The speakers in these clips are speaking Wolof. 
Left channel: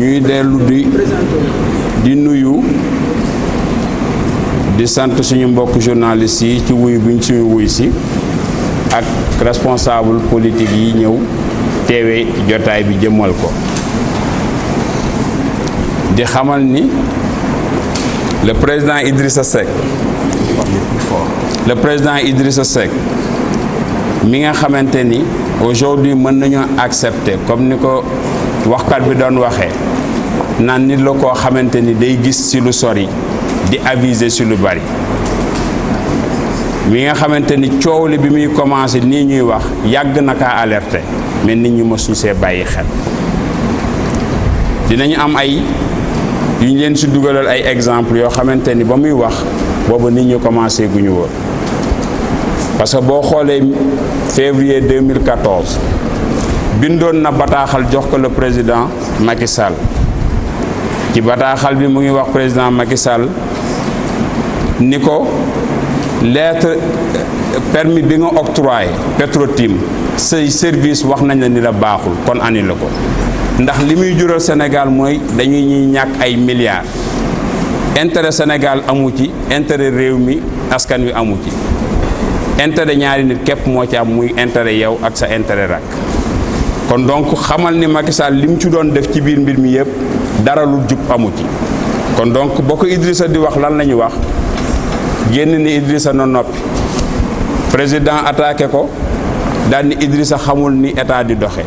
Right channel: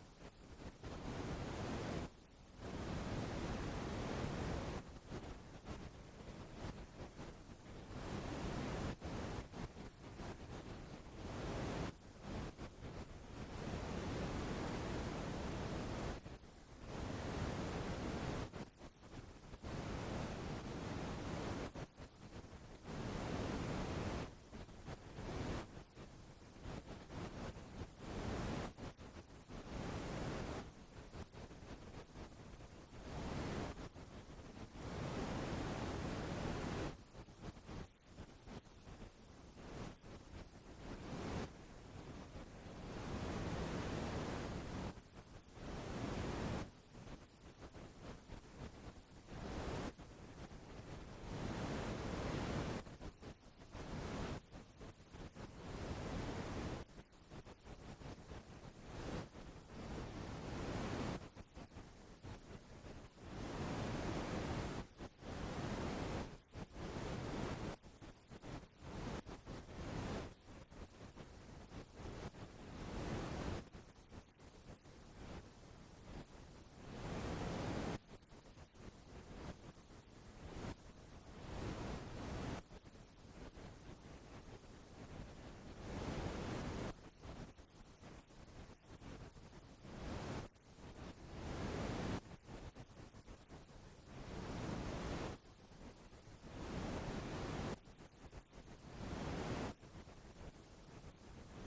ñuy dellu di nuyu di sant suñu mbokk journalistes yi ci wuy buñ suñu wuy si ak responsable politique yi ñëw teewe jotaay bi jëmmal ko di xamal ni le président Idrissa Seck mi nga xamante ni aujourd'hui mën nañoo accepter comme ni ko waxkat bi doon waxee naan nit la koo xamante ni day gis ci lu sori di aviser ci lu bari mi nga xamante ni coow li bi muy commencé nii ñuy wax yàgg na kaa alerter mais nit ñi mësuñu see bàyyi xel dinañu am ay yu ñu leen ci dugalal ay exemple yoo xamante ni ba muy wax booba nit ñi commencé gu ñu woon parce que boo xoolee février 2014 bindoon na bataaxal jox ko le président Macky Sall ci bataaxal bi mu ngi wax président Macky Sall ni ko lettre permis bi nga octroyé Petro-Tim say service wax nañ la ni la baaxul kon annulé la ko ndax li muy jural Sénégal mooy dañuy ñuy ñàkk ay milliards intérêt Sénégal amu ci intérêt réew mi askan wi amu ci intérêt ñaari nit képp moo ci am muy intérêt yow ak sa intérêt rak kon donc xamal ni Macky Sall li mu ci doon def ci biir mbir mi yëpp dara lu jub amu ci kon donc boo ko Idrissa di wax lan la ñu wax génn ni Idrissa na noppi président attaqué ko daal ni Idrissa xamul ni état di doxe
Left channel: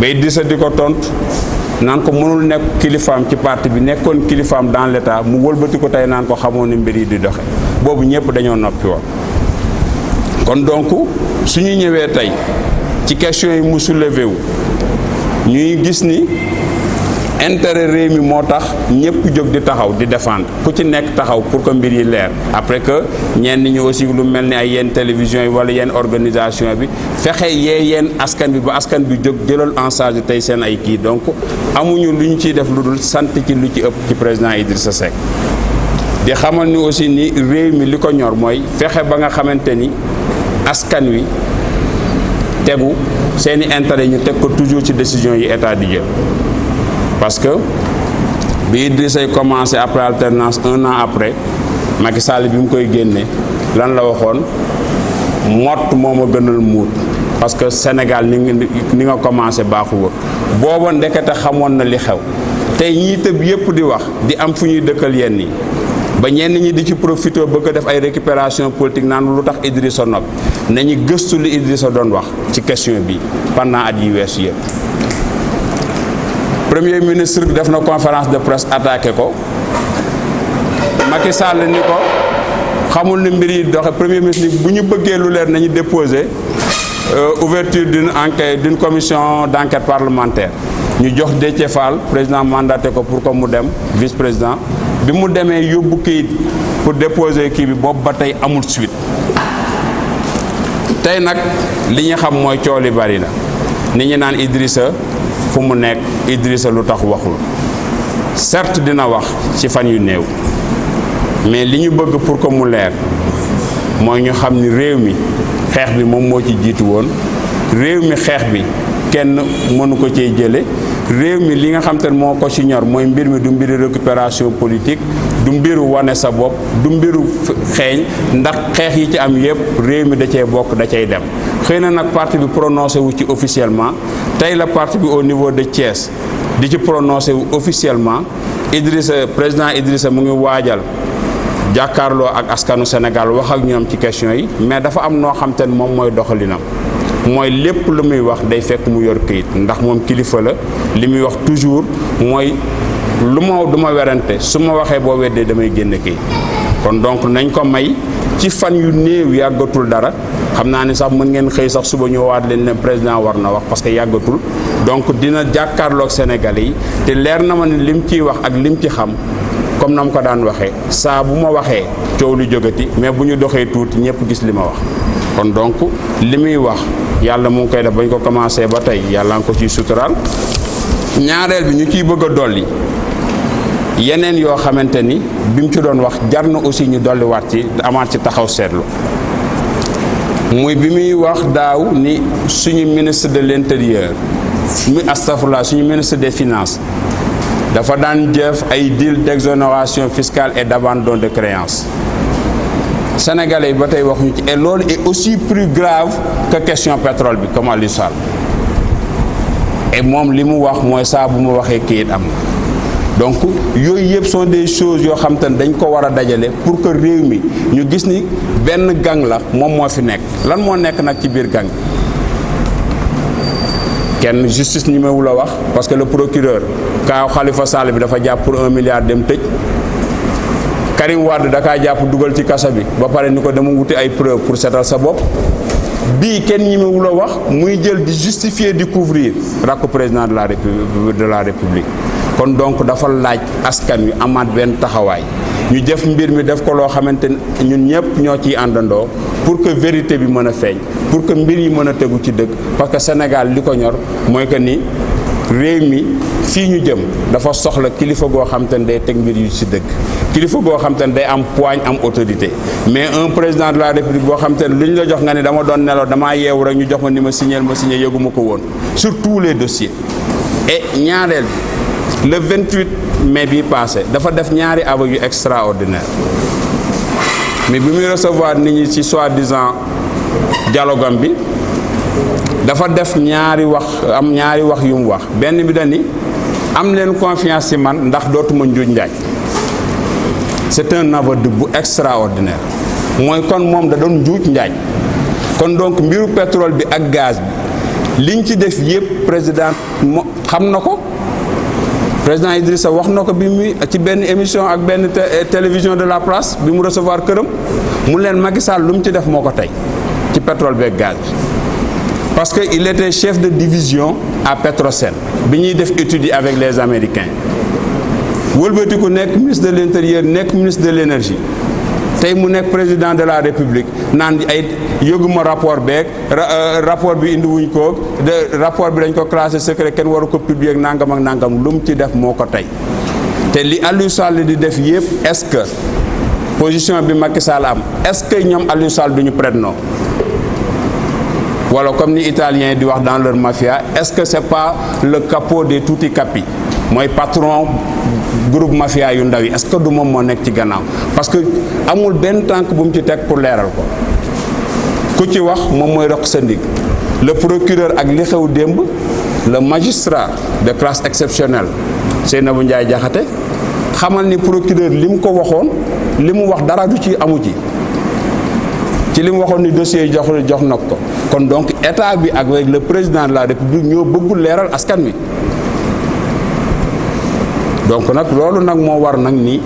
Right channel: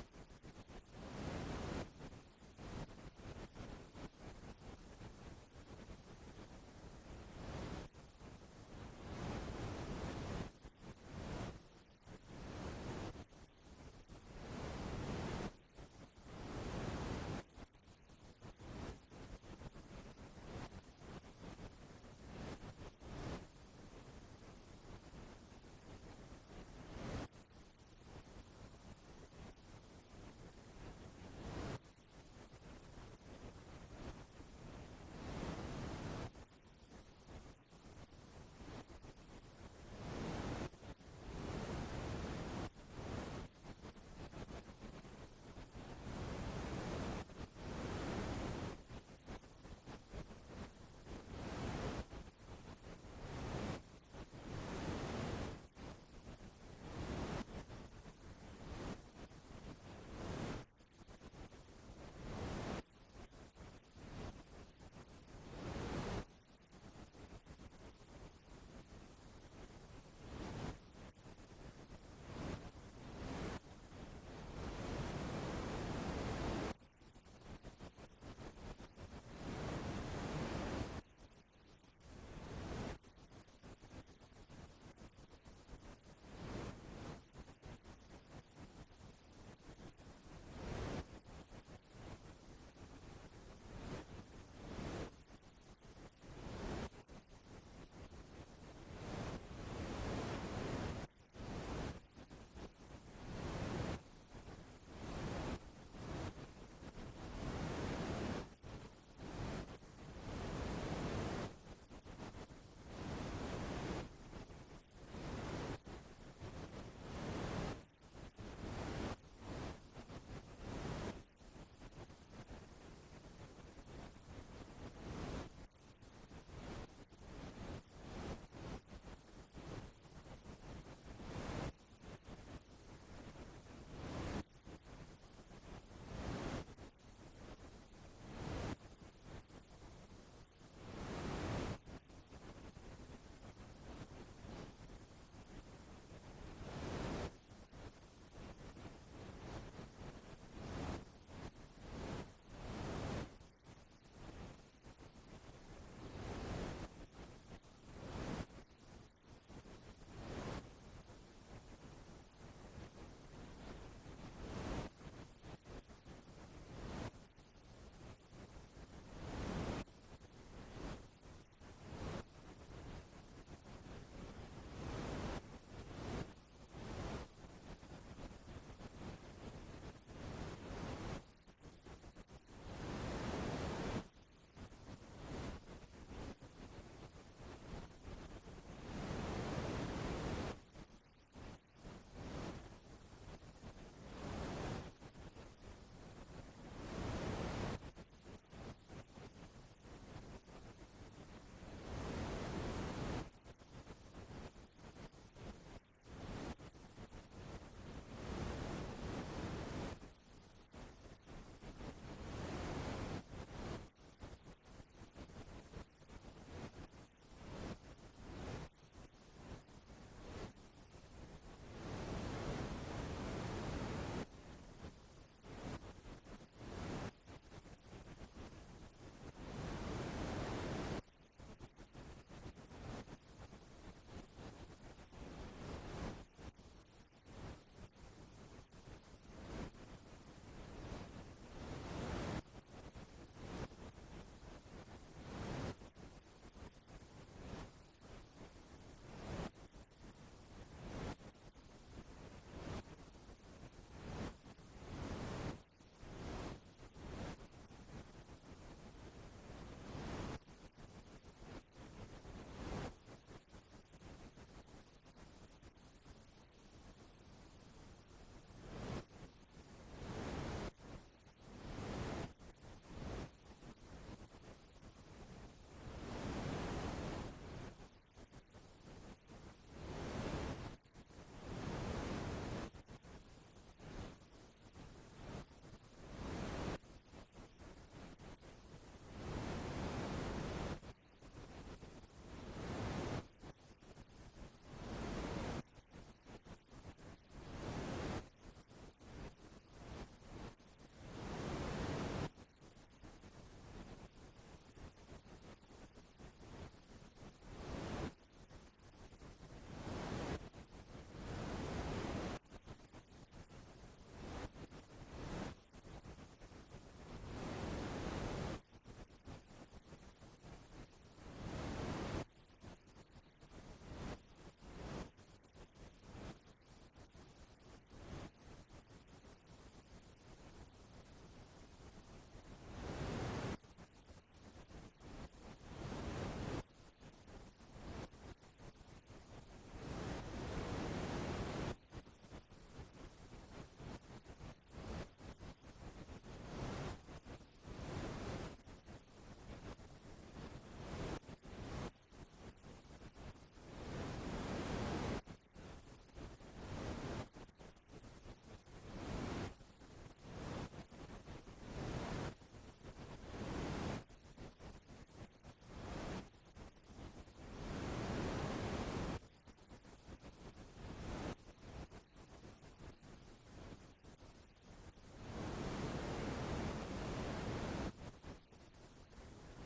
ba Idrissa di ko tontu naan ko mënul nekk kilifaam ci parti bi nekkoon kilifaam dans l'état mu wëlbati ko tey naan ko xamoon ni mbir yi di doxe boobu ñëpp dañoo noppi woon kon donc suñu ñëwee tey ci question yi mu soulevé wu ñuy gis ni intérêt réew mi moo tax ñëpp jóg di taxaw di défendre ku ci nekk taxaw pour que mbir yi leer après que ñenn ñi aussi lu mel ni ay yenn télévision yi wala yenn organisation bi fexe yee yenn askan bi ba askan bi jóg jëlal en charge tey seen ay kii donc amuñu lu ñu ciy def lu dul sant ci lu ci ëpp ci président Idrissa Seck di xamal ni aussi ni réew mi li ko ñor mooy fexe ba nga xamante ni askan wi tegu seeni intérêt ñu teg ko toujours ci décision yi état di jël parce que bi Idrissa commencé après alternance 1 an après Macky Sall bi mu koy génne lan la waxoon mott moo ma gënal muut parce que Sénégal ni nga commencé baaxu woon booba ndekete xamoon na li xew tey ñii tëb yépp di wax di am fu ñuy dëkkal yenn yi ba ñenn ñi di ci profité bëgg a def ay récupération politique naan lu tax Idrissa nopp nañu gëstu li Idrissa doon wax ci question bi pendant at yi weesu yëpp. Premier ministre bi def na conférence de presse attaqué ko Macky Sall ni ko xamul ni mbir yi doxe premier ministre bu ñu bëggee lu leer nañu déposer ouverture d'une enquête d'une commission d'enquête parlementaire ñu jox Déthié Fall président mandaté ko pour que mu dem vice-président bi mu demee yóbbu kayit pour déposer kii bi boobu ba tey amul suite tey nag li ñu xam mooy coow li bari na nit ñi naan Idrissa fu mu nekk Idrissa lu tax waxul certes dina wax ci fan yu néew mais li ñu bëgg pour que mu leer mooy ñu xam ni réew mi xeex bi moom moo ci jiitu woon réew mi xeex bi kenn mënu ko cee jële réew mi li nga xam te ne moo ko ci ñor mooy mbir mi du mbiru récupération politique du mbiru wane sa bopp du mbiru xeeñ ndax xeex yi ci am yépp réew mi da cee bokk da cay dem xëy na nag parti bi prononcé wu ci officiellement tey la parti bi au niveau de Thiès di ci prononcé wu officiellement président Idrissa mu ngi waajal jàkkaarloo ak askanu Sénégal wax ak ñoom ci question yi mais dafa am noo xam te ne moom mooy doxalinam mooy lépp lu muy wax day fekk mu yor këyit ndax moom kilifa la li muy wax toujours mooy lu ma du ma werante su ma waxee boo weddee damay génn këyit kon donc nañ ko may ci fan yu néew yàggatul dara xam naa ni sax mën ngeen xëy sax suba ñëwaat leen ne président war na wax parce que yàggatul donc dina jàkkaarloog Sénégalais yi te leer na ma ne lim ciy wax ak lim ci xam comme na ma ko daan waxee saa bu ma waxee coow lu jógati mais bu ñu doxee tuuti ñëpp gis li ma wax kon donc li muy wax yàlla mu ngi koy def bañ ko commencé ba tey yàlla nga ko ciy suturaal ñaareel bi ñu ciy bëgg a dolli yeneen yoo xamante ni bi mu ci doon wax jar na aussi ñu dolliwaat ci amaat ci taxaw seetlu muy bi muy wax daaw ni suñu ministre de l'intérieur astafurlah suñu ministre des finances dafa daan jëf ay deal d'exonération fiscale et d'abandon de créances sénégalais yi ba tey waxuñu ci et loolu est aussi plus grave que question pétrole bi comme Aliou Sall et moom li mu wax mooy saa bu mu waxee kayit am na donc yooyu yëpp sont des choses yoo xam te ne dañ ko war a dajale pour que réew mi ñu gis ni benn gang la moom moo fi nekk lan moo nekk nag ci biir gang kenn justice ñemewu la wax parce que le procureur kaaw Khalifa Sall bi dafa jàpp pour 1 milliard dem tëj Karim Wade da kaa jàpp dugal ci kaso bi ba pare ni ko dama wuti ay preuve pour seetal sa bopp bii kenn ñemewu la wax muy jël di justifier di couvrir rakku président de la république kon donc dafa laaj askan wi amaat benn taxawaay ñu def mbir mi def ko loo xamante ne ñun ñëpp ñoo ciy àndandoo pour que vérité bi mën a feeñ pour que mbir yi mën a tegu ci dëgg parce que Sénégal li ko ñor mooy que ni réew mi fii ñu jëm dafa soxla kilifa goo xam te ne day teg mbir yu ci dëgg kilifa goo xam te ne day am poigne am autorité mais un président de la république boo xam te ne lu ñu la jox nga ne dama doon nelaw damaa yeewu rek ñu jox ma ni ma signé yëguma ko woon sur tous les dossiers et ñaareel le 28 mai bi passé dafa def ñaari aveux yu extraordinaire mais bi muy recevoir nit ñi ci soi-disant dialogue am bi dafa def ñaari wax yu mu wax benn bi dani am leen confiance ci man ndax dootuma njuuj njaaj c'est un aveu bu extraordinaire mooy kon moom da doon njuuj njaaj kon donc mbiru pétrole bi ak gaz bi liñ ci def yépp président xam na ko président Idrissa wax na ko bi muy ci benn émission ak benn télévision de la place bi mu recevoir këram mu leen Macky Sall lu mu ci def moo ko tey ci pétrole bi ak gaz bi parce que il était chef de division à Petrosen bi ñuy def études yi avec les Américains wëlbatiku nekk ministre de l'intérieur nekk ministre de l'énergie tey mu nekk président de la république naan ay yëguma rapport beeg rapport bi indi wuñ ko rapport bi dañ ko classé secret kenn waru ko publier ak nangam lu mu ci def moo ko tey te li Aliou Sall di def yëpp est-ce que position bi Macky Sall am est-ce que ñoom Aliou Sall duñu prête non wala comme ni italien di wax dans leur mafia est-ce que c'est pas le capo des tutti capi mooy patron groupe mafia yu ndaw yi est-ce que du moom moo nekk ci gannaaw parce que amul benn tànk bu mu ci teg pour leeral ko ku ci wax moom mooy roq sa ndig le procureur ak li xew démb le magistrat de classe exceptionnelle Seynabou Ndiaye Diakhaté xamal ni procureur li mu ko waxoon li mu wax dara du ci amu ci li mu waxoon ni dossier yi jox na ko kon donc état bi ak avec le président de la république ñoo bëggul leeral askan wi donc nag loolu nag moo war nag ni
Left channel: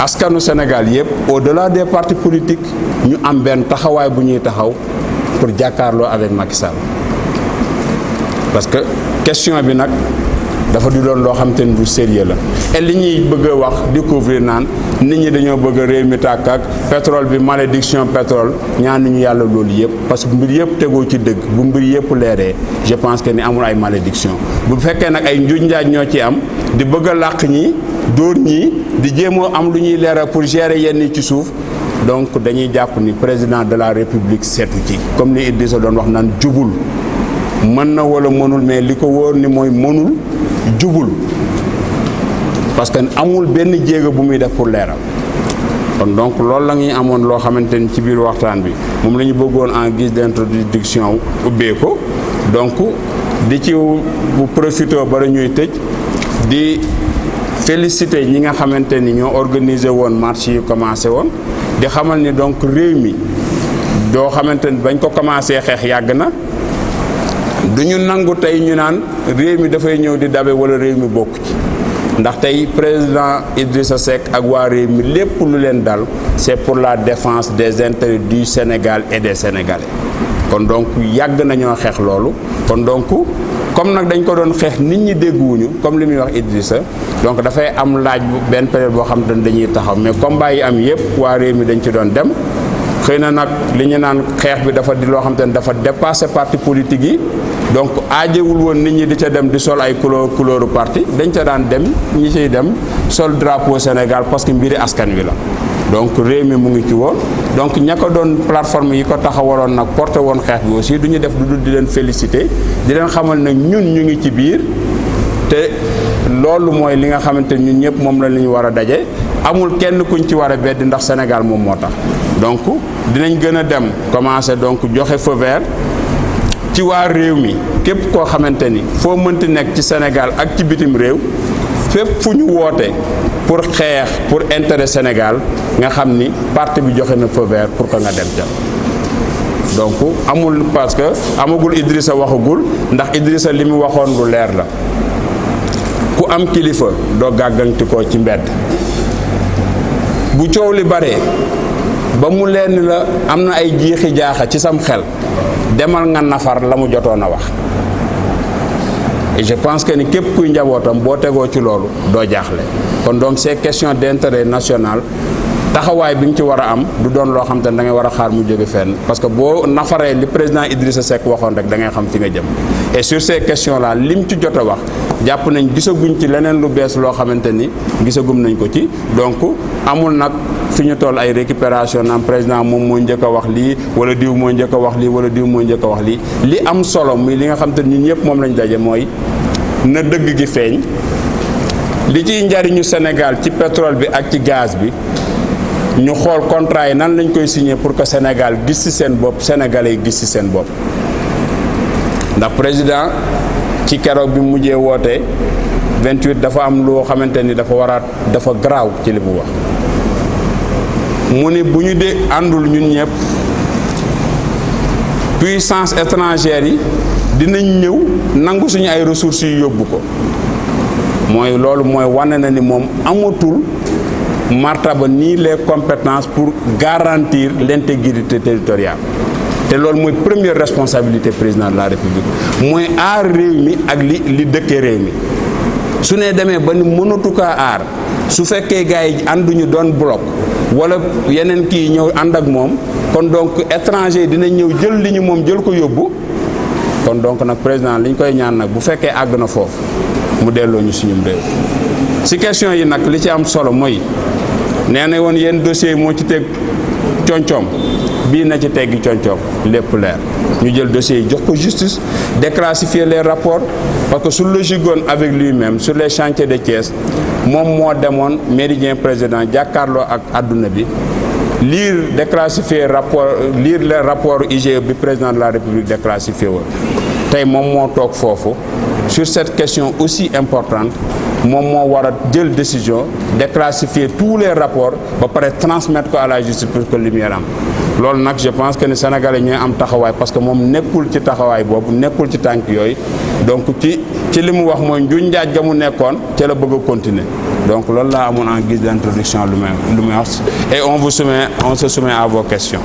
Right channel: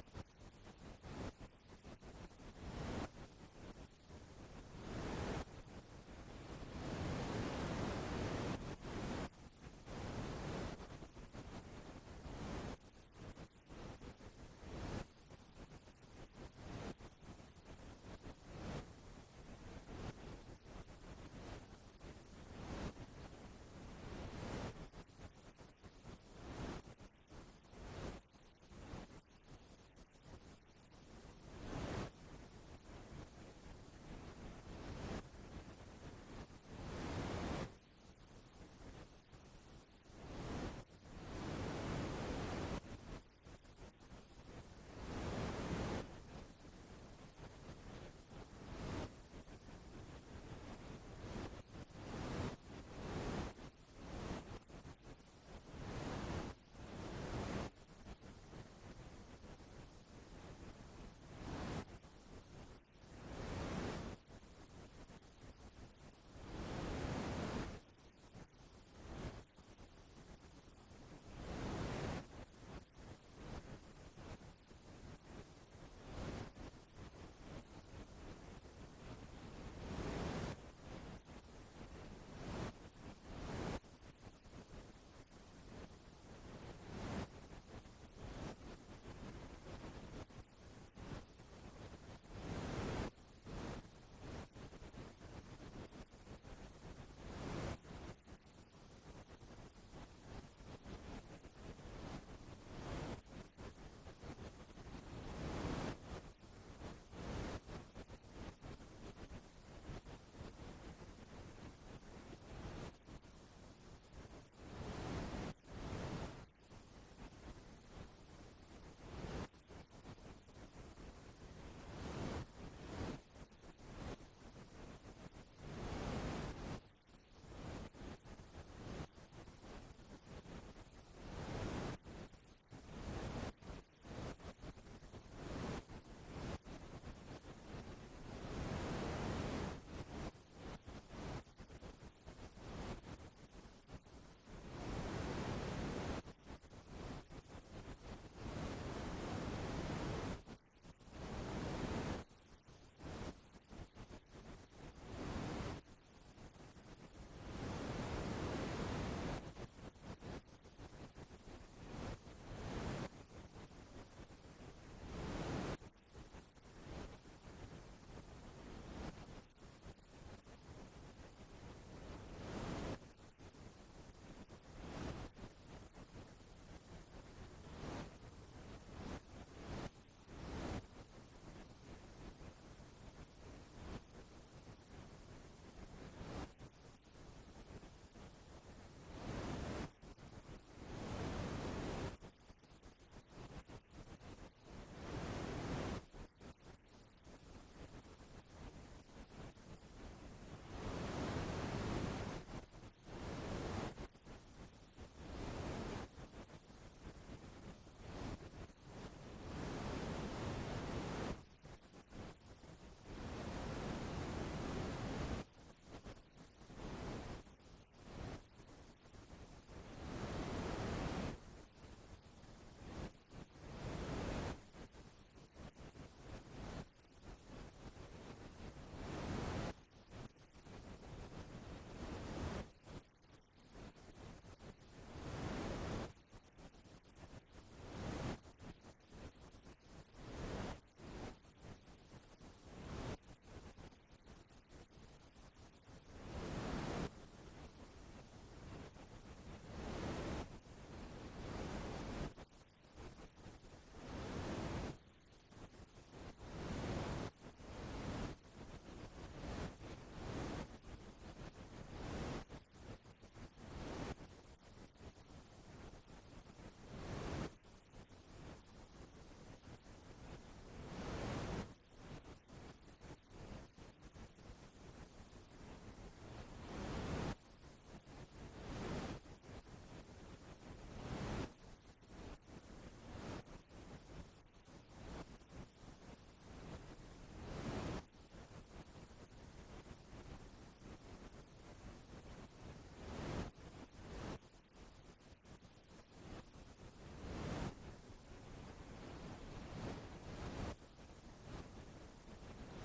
askanu Sénégal yëpp au-delà des partis politiques ñu am benn taxawaay bu ñuy taxaw pour jàkkaarloo avec Macky Sall parce que question bi nag dafa di doon loo xam te ni du sérieux la et li ñuy bëgg a wax découvrir naan nit ñi dañoo bëgg a réew mi tàkk ak pétrole bi malédiction pétrole ñaan ñu yàlla loolu yëpp parce que mbir yëpp tegoo ci dëgg bu mbir yëpp leeree je pense que ni amul ay malédiction bu fekkee nag ay njuuj njaaj ñoo ci am di bëgg a làq ñi dóor ñi di jéemoo am lu ñuy leeral pour gérer yenn ci suuf donc dañuy jàpp ni président de la république seetu ci comme ni Idrissa doon wax naan jubul mën na wala mënul mais li ko wóor ni mooy mënul jubul parce que amul benn jéego bu muy def pour leeral kon donc loolu la ñuy amoon loo xamante ni ci biir waxtaan bi moom la ñu bëggoon en guise d'introduction ubbee ko donc di ci bu profité ba ñuy tëj di féliciter ñi nga xamante ni ñoo organisé woon marche yi commencé woon di xamal ni donc réew mi doo xamante ni bañ ko commencé xeex yàgg na du ñu nangu tey ñu naan réew mi dafay ñëw di dabe wala réew mi bokk ci ndax tey président Idrissa Seck ak waa réew mi lépp lu leen dal c'est pour la défense des intérêts du Sénégal et des Sénégalais kon donc yàgg nañoo xeex loolu kon donc comme nag dañ ko doon xeex nit ñi dégguwuñu comme li muy wax Idrissa donc dafay am laaj benn période boo xam te ne dañuy taxaw mais combat yi am yépp waa réew mi dañ ci doon dem xëy na nag li ñu naan xeex bi dafa di loo xam te ne dafa dépassé parti politique yi donc aajewul woon nit ñi di ca dem di sol ay couleuru parti dañ ca daan dem ñi ciy dem sol drapeau Sénégal parce que mbiri askan wi la donc réew mi mu ngi ci woon donc ña ko doon plateforme yi ko taxawaloon nag porté woon xeex bi aussi du ñu def du dul di leen féliciter di leen xamal nag ñun ñu ngi ci biir te loolu mooy li nga xamante ñun ñëpp moom la ñu war a daje amul kenn kuñ ci war a beddi ndax Sénégal moom moo tax donc dinañ gën a dem commencer donc joxe feu vert ci waa réew mi képp koo xamante ni foo mënti nekk ci Sénégal ak ci bitim réew fépp fu ñu woote pour xeex pour intérêt Sénégal nga xam ni parti bi joxe na feu vert pour que nga dem ca donc amul parce que amagul Idrissa waxagul ndax Idrissa li mu waxoon lu leer la ku am kilifa doo gàgganti ko ci mbedd bu coow li baree ba mu leen la am na ay jiixi jaaxa ci sam xel demal nga nafar la mu jotoon a wax et je pense que ni képp kuy njabootam boo tegoo ci loolu doo jaaxle kon donc ces questions d'intérêt national taxawaay bi ñu ci war a am du doon loo xam te ne da ngay war a xaar mu jóge fenn parce que boo nafaree li président Idrissa Seck waxoon rek da ngay xam fi nga jëm et sur ces questions là lim ci jot a wax jàpp nañ gisaguñ ci leneen lu bees loo xamante ni gisagum nañ ko ci donc amul nag fi ñu toll ay récupération naam président moom moo njëkk a wax lii wala diw moo njëkk a wax lii wala diw moo njëkk a wax lii li am solo muy li nga xam te ñun ñëpp moom lañ daje mooy na dëgg gi feeñ li ciy njariñu Sénégal ci pétrole bi ak ci gaz bi ñu xool contrat yi nan lañ koy signer pour que Sénégal gis ci seen bopp sénégalais yi gis ci seen bopp ndax président ci keroog bi mujjee woote 28 dafa am loo xamante ni dafa garaaw ci li mu wax mu ni bu ñu dee àndul ñun ñëpp puissance étrangère yi dinañ ñëw nangu suñu ay ressources yu yóbbu ko mooy loolu mooy wane na ni moom amatul martaba ni les compétences pour garantir l'intégrité territoriale te loolu mooy première responsabilité président de la République mooy aar réew mi ak li dëkkee réew mi su ne demee ba ni mënatu kaa aar su fekkee gars yi ànduñu doon bloc wala yeneen kii ñëw ànd ak moom kon donc étranger dinañ ñëw jël li ñu moom jël ko yóbbu kon donc nag président li ñu koy ñaan nag bu fekkee àgg na foofu mu delloo ñu suñum réew si question yi nag li ci am solo mooy nee na woon yéen dossier moo ci teg coñcoom bii na ci teggi coñcoom lépp leer ñu jël dossier yi jox ko justice déclassifier les rapports parce que su logique avec lui-même sur les chantiers de Thiès moom moo demoon méridien président jàkkaarloo ak adduna bi lire déclassifier rapport lire les rapports IGE bi président de la République déclassifié woon tey moom moo toog foofu sur cette question aussi importante moom moo war a jël décision déclassifier tous les rapports ba pare transmettre ko à la justice pour que lumière am loolu nag je pense que ni Sénégalais ñooy am taxawaay parce que moom nekkul ci taxawaay boobu nekkul ci tànk yooyu donc ci li mu wax mooy njuñ njaaj ga mu nekkoon ca la bëgg a continuer donc loolu laa amoon en guise d'introduction lu may wax et on se soumet à vos questions.